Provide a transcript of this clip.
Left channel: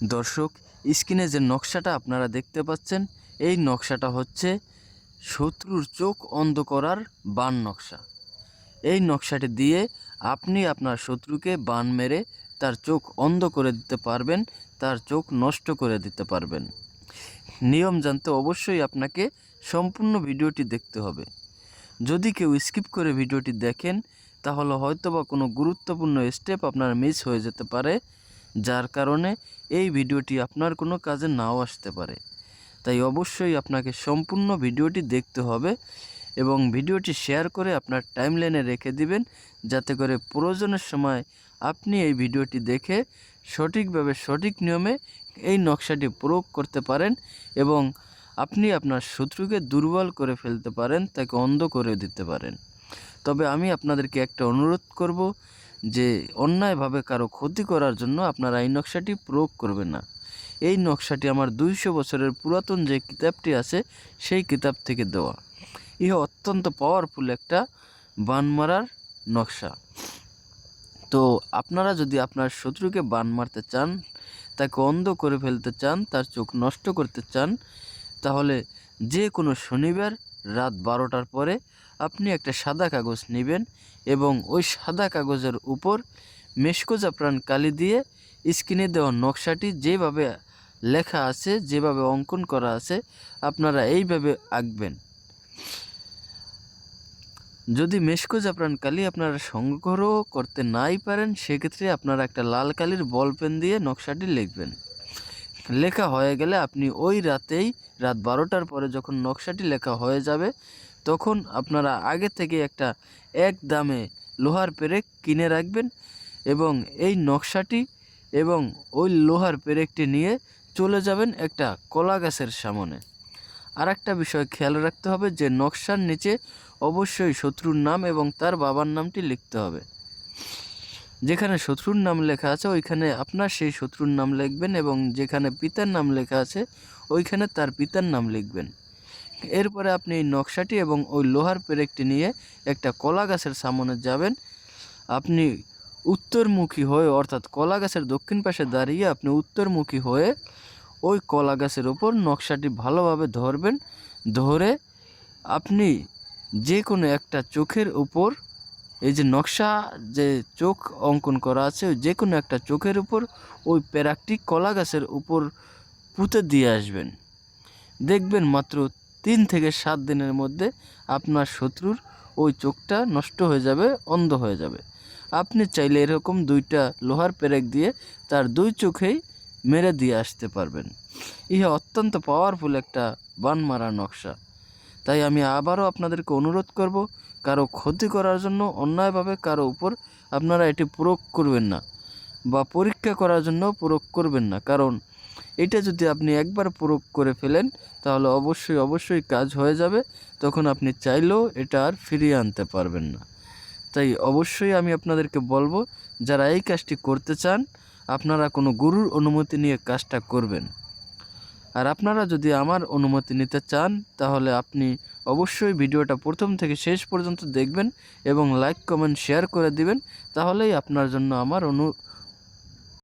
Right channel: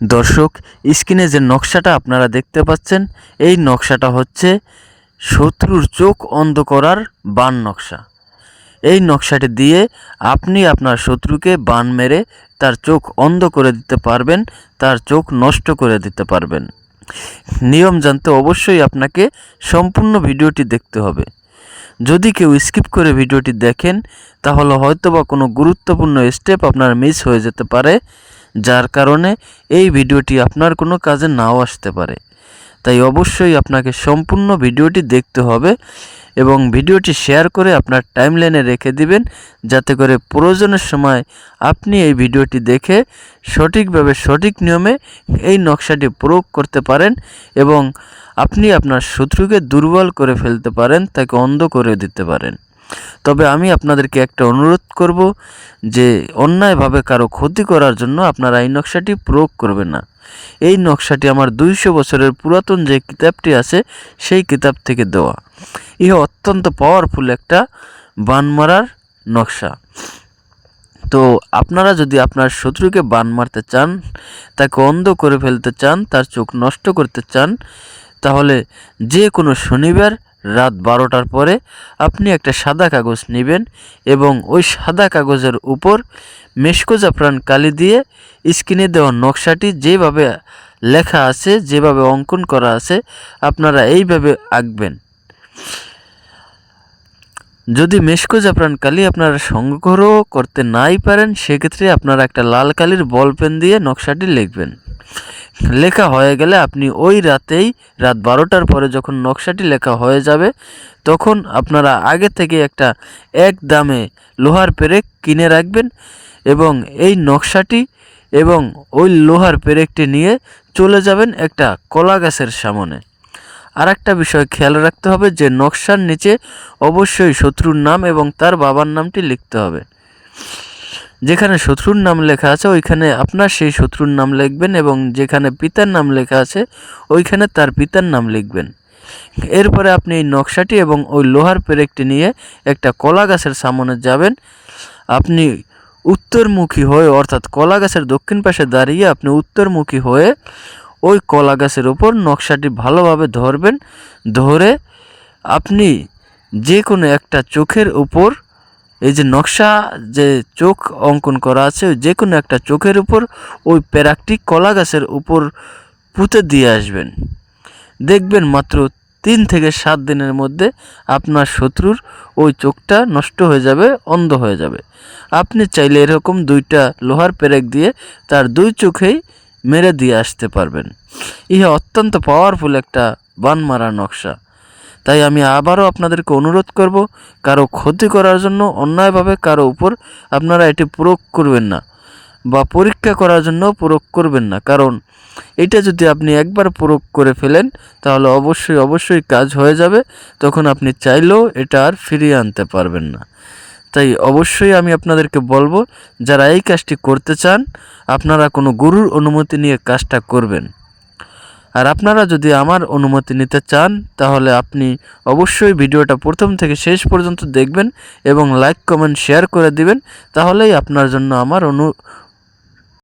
দর্শক, স্ক্রিনে যে নকশাটা আপনারা দেখতে পাচ্ছেন, এই নকশাটা হচ্ছে শত্রুর চোখ অন্ধ করার বান নকশা। এই নকশাটি দিয়ে আপনি আপনার শত্রুকে বান মেরে তার চোখ অন্ধ করে দিতে পারবেন, তার চোখ নষ্ট করে দিতে পারবেন। নিয়ম জানতে অবশ্যই আপনাকে সম্পূর্ণ ভিডিওটি দেখতে হবে। যদি কেউ স্কিপ করে ভিডিওটি দেখেন, তাহলে হয়তোবা কোনো গুরুত্বপূর্ণ স্টেপ আপনার মিস হয়ে যেতে পারে, যার কারণে এই ভিডিওটি আপনার কোনো কাজে নাও আসতে পারে। তাই অবশ্যই আপনাকে সম্পূর্ণ ভিডিওটি দেখতে হবে এবং ভিডিওটি শেয়ার করে আপনার টাইমলাইনে রেখে দিবেন, যাতে করে প্রয়োজনের সময় আপনি এই ভিডিওটি দেখে সঠিকভাবে সঠিক নিয়মে এই নকশাটি প্রয়োগ করতে পারেন এবং আপনি আপনার শত্রুকে দুর্বল করে ফেলতে পারেন, তাকে অন্ধ করে দিতে পারেন। তবে আমি আপনাদেরকে একটা অনুরোধ করব যে অন্যায়ভাবে কারো ক্ষতি করার জন্য আপনারা এই নকশাটি প্রয়োগ করবেন না। এই নকশাটি আমার 200 বছরের পুরাতন যে কিতাবটি আছে সেই কিতাব থেকে দেওয়া। ইহা অত্যন্ত পাওয়ারফুল একটা বান মারার নকশা। তো আপনারা যদি আপনার শত্রুকে বান মারতে চান, তাকে অন্ধ করে ফেলতে চান, তার চোখ নষ্ট করতে চান, তাহলে যে কোনো শনিবার রাত 12টার পরে আপনি একটা সাদা কাগজ নেবেন এবং ওই সাদা কাগজের উপর মেশকো জাফরান কালি দিয়ে স্ক্রিনে দেওয়া নকশাটি যেভাবে লেখা আছে, যেভাবে অঙ্কন করা আছে, আপনারা এইভাবে আঁকবেন। যদি মেশকো জাফরান কালি আপনারা সংগ্রহ করতে নাই পারেন, সেক্ষেত্রে আপনারা একটা লাল কালির বল পেন দিয়ে নকশাটি লিখবেন। লেখা হয়ে গেলে আপনি ওই রাতেই, রাত 12টার পরে যখন নকশাটি লেখা হয়ে যাবে, তখন আপনারা আগে থেকে একটা এক দামে লোহার পেরেক কিনে রাখবেন এবং এই নকশাটি এবং ওই লোহার পেরেকটি নিয়ে চলে যাবেন একটা কলা গাছের সামনে। আর একটা বিষয় খেয়াল রাখতে হবে যে নকশার নিচে অবশ্যই শত্রুর নাম এবং তার বাবার নামটি লিখতে হবে। যেখানে শত্রুর নাম লেখা আছে ওইখানে আপনার সেই শত্রুর নাম লিখবেন এবং যেখানে পিতার নাম লেখা আছে ওইখানে তার পিতার নাম লিখবেন। এরপরে আপনি এই নকশাটি এবং ওই লোহার পেরেকটি নিয়ে একটা কলা গাছের সামনে যাবেন। আপনি উত্তরমুখী হয়ে, অর্থাৎ কলা গাছের দক্ষিণ পাশে দাঁড়িয়ে আপনি উত্তরমুখী হয়ে ওই কলা গাছের উপর নকশাটি ভালোভাবে ধরবেন। ধরে আপনি যে কোনো একটা চোখের উপর, এই যে নকশা যে চোখ অঙ্কন করা আছে, যে কোনো একটা চোখের উপর ওই পেরাকটি কলা গাছের উপর পুঁতে দিয়ে আসবেন। দেখবেন মাত্র 3 থেকে 7 দিনের মধ্যে আপনার শত্রুর ওই চোখটা নষ্ট হয়ে যাবে, অন্ধ হয়ে যাবে। আপনি চাইলে এরকম 2টা লোহার পেরেক দিয়ে তার 2 চোখেই মেরে দিয়ে আসতে পারবেন। ইহা অত্যন্ত পাওয়ারফুল একটা বান মারা নকশা। তাই আমি আবারও আপনাদেরকে অনুরোধ করব, কারো ক্ষতি করার জন্য অন্যায়ভাবে কারো উপর আপনারা এটি প্রয়োগ করবেন না বা পরীক্ষা করার জন্য প্রয়োগ করবেন না। কারণ এটা যদি আপনি একবার প্রয়োগ করে ফেলেন, তাহলে অবশ্যই কাজ হয়ে যাবে, তখন আপনি চাইলেও এটা আর ফিরিয়ে আনতে পারবেন না। তাই অবশ্যই আমি আপনাদেরকে বলবো, যারা এই কাজটি করতে চান, আপনারা কোনো গুরুর অনুমতি নিয়ে কাজটা করবেন। আর আপনারা যদি আমার অনুমতি নিতে চান, তাহলে আপনি অবশ্যই ভিডিওটা প্রথম থেকে শেষ পর্যন্ত দেখবেন এবং লাইক কমেন্ট শেয়ার করে দিবেন। তাহলেই আপনার জন্য আমার